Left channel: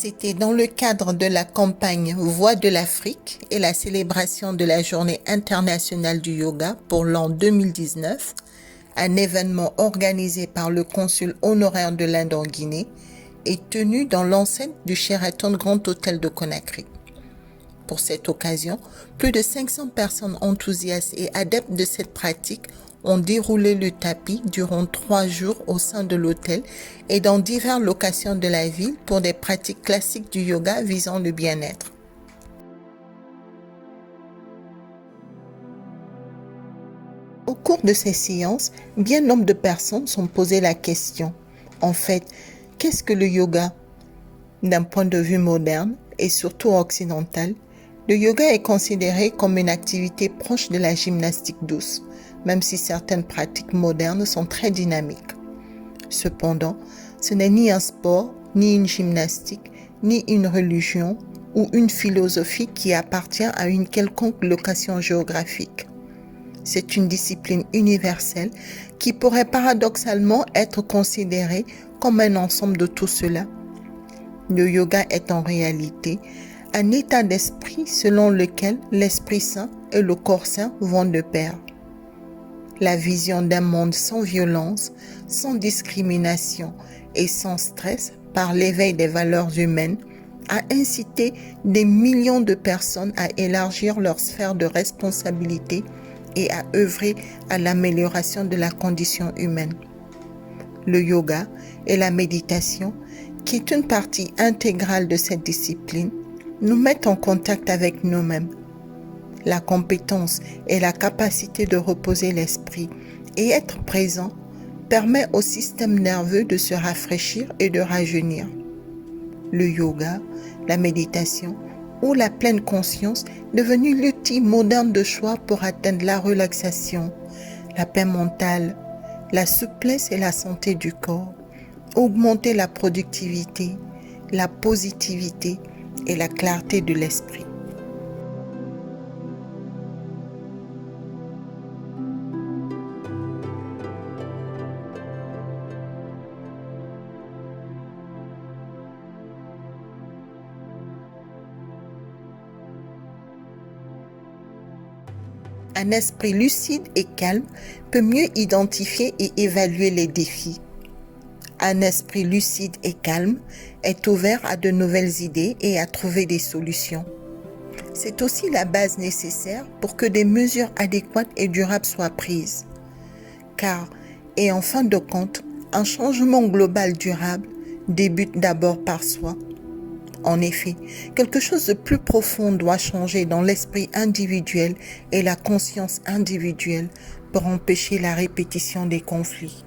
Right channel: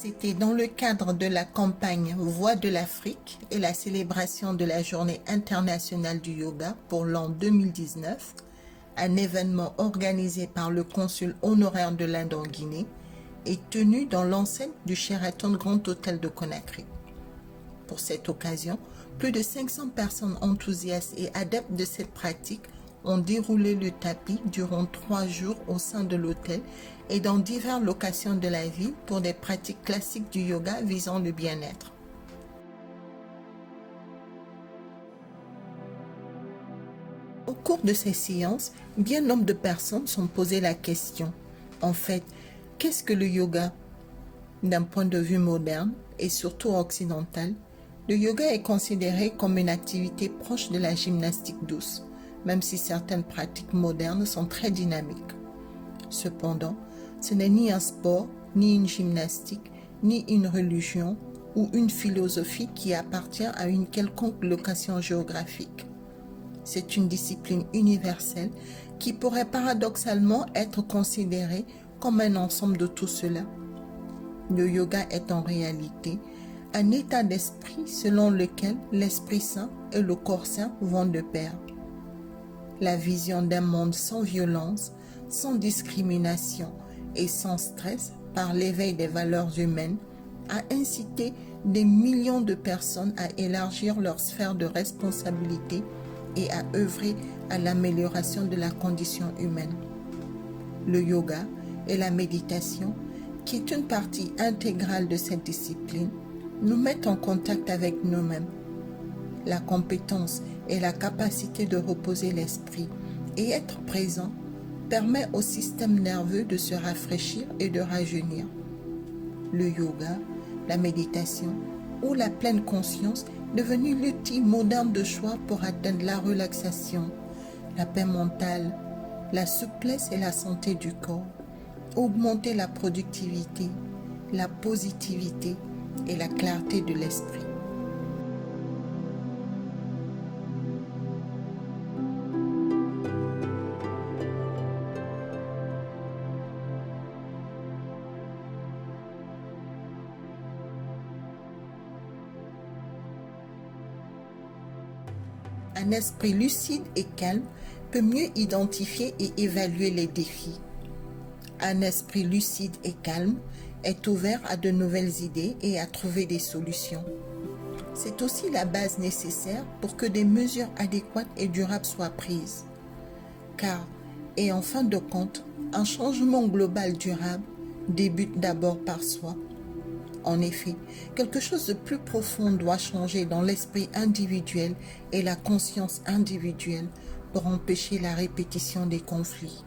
C'était dans le cadre de la campagne Voix de l'Afrique et la célébration de la Journée internationale du yoga pour l'an 2019, un événement organisé par le consul honoraire de l'Inde en Guinée et tenu dans l'enceinte du Sheraton Grand Hôtel de Conakry. Pour cette occasion, plus de 500 personnes enthousiastes et adeptes de cette pratique ont déroulé le tapis durant 3 jours au sein de l'hôtel et dans diverses locations de la ville pour des pratiques classiques du yoga visant le bien-être. Au cours de ces séances, bien nombre de personnes se sont posé la question. En fait, qu'est-ce que le yoga? D'un point de vue moderne et surtout occidental, le yoga est considéré comme une activité proche de la gymnastique douce, même si certaines pratiques modernes sont très dynamiques. Cependant, ce n'est ni un sport, ni une gymnastique, ni une religion ou une philosophie qui appartient à une quelconque location géographique. C'est une discipline universelle qui pourrait paradoxalement être considérée comme un ensemble de tout cela. Le yoga est en réalité un état d'esprit selon lequel l'Esprit Saint et le corps saint vont de pair. La vision d'un monde sans violence, sans discrimination et sans stress par l'éveil des valeurs humaines a incité des millions de personnes à élargir leur sphère de responsabilité et à œuvrer à l'amélioration de la condition humaine. Le yoga et la méditation, qui est une partie intégrale de cette discipline, nous mettent en contact avec nous-mêmes. La compétence et la capacité de reposer l'esprit et être présent permet au système nerveux de se rafraîchir et de rajeunir. Le yoga, la méditation ou la pleine conscience devenu l'outil moderne de choix pour atteindre la relaxation, la paix mentale, la souplesse et la santé du corps, augmenter la productivité, la positivité et la clarté de l'esprit. Un esprit lucide et calme peut mieux identifier et évaluer les défis. Un esprit lucide et calme est ouvert à de nouvelles idées et à trouver des solutions. C'est aussi la base nécessaire pour que des mesures adéquates et durables soient prises. Car, et en fin de compte, un changement global durable débute d'abord par soi. En effet, quelque chose de plus profond doit changer dans l'esprit individuel et la conscience individuelle pour empêcher la répétition des conflits.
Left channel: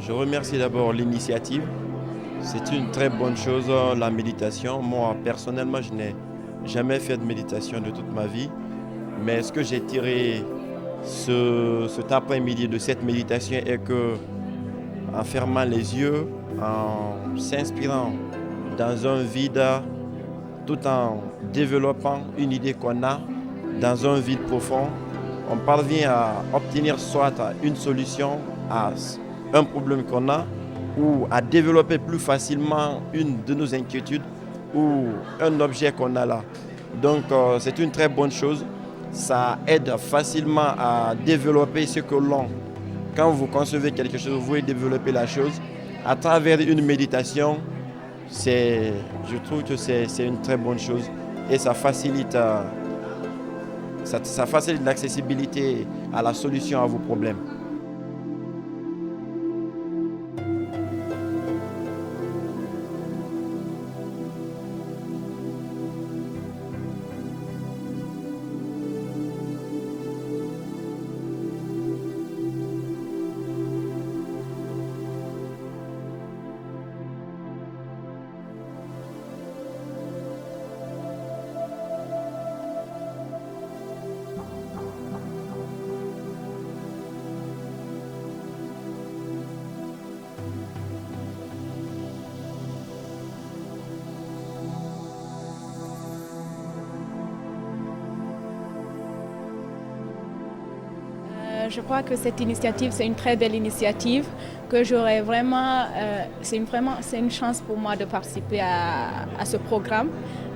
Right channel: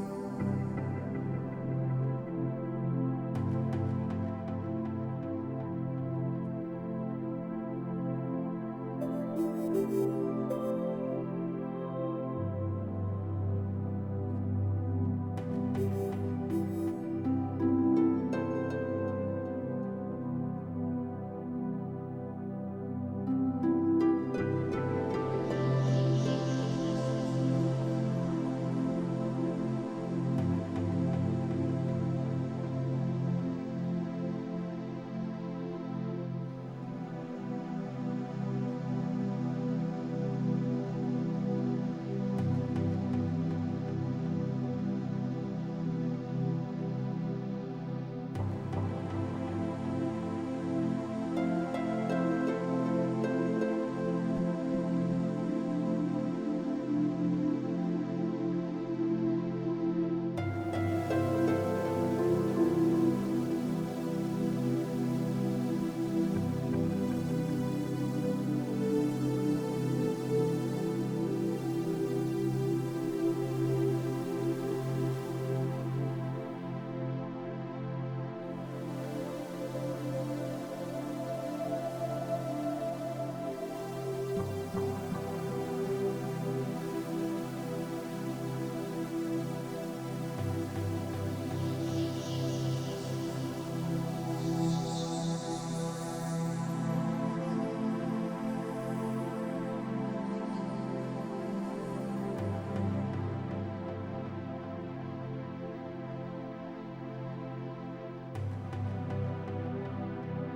Je remercie d'abord l'initiative. C'est une très bonne chose, la méditation. Moi, personnellement, je n'ai jamais fait de méditation de toute ma vie. Mais ce que j'ai tiré cet après-midi de cette méditation est que, en fermant les yeux, en s'inspirant dans un vide, tout en développant une idée qu'on a dans un vide profond, on parvient à obtenir soit une solution à un problème qu'on a ou à développer plus facilement une de nos inquiétudes ou un objet qu'on a là. Donc c'est une très bonne chose. Ça aide facilement à développer ce que l'on... Quand vous concevez quelque chose, vous voulez développer la chose. À travers une méditation, je trouve que c'est une très bonne chose et ça facilite l'accessibilité à la solution à vos problèmes. Je crois que cette initiative, c'est une très belle initiative, que j'aurais vraiment, c'est une chance pour moi de participer à ce programme,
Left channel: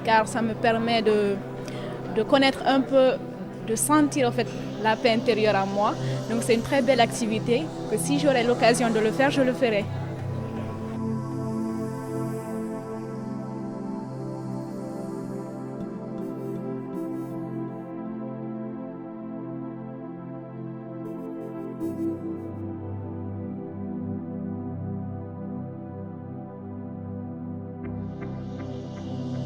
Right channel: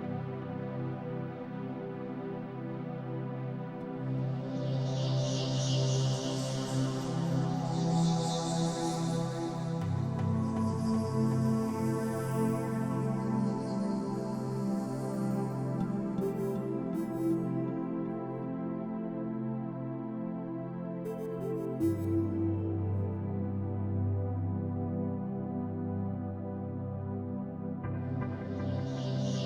car ça me permet de connaître un peu, de sentir en fait la paix intérieure en moi. Donc c'est une très belle activité, que si j'aurais l'occasion de le faire, je le ferai.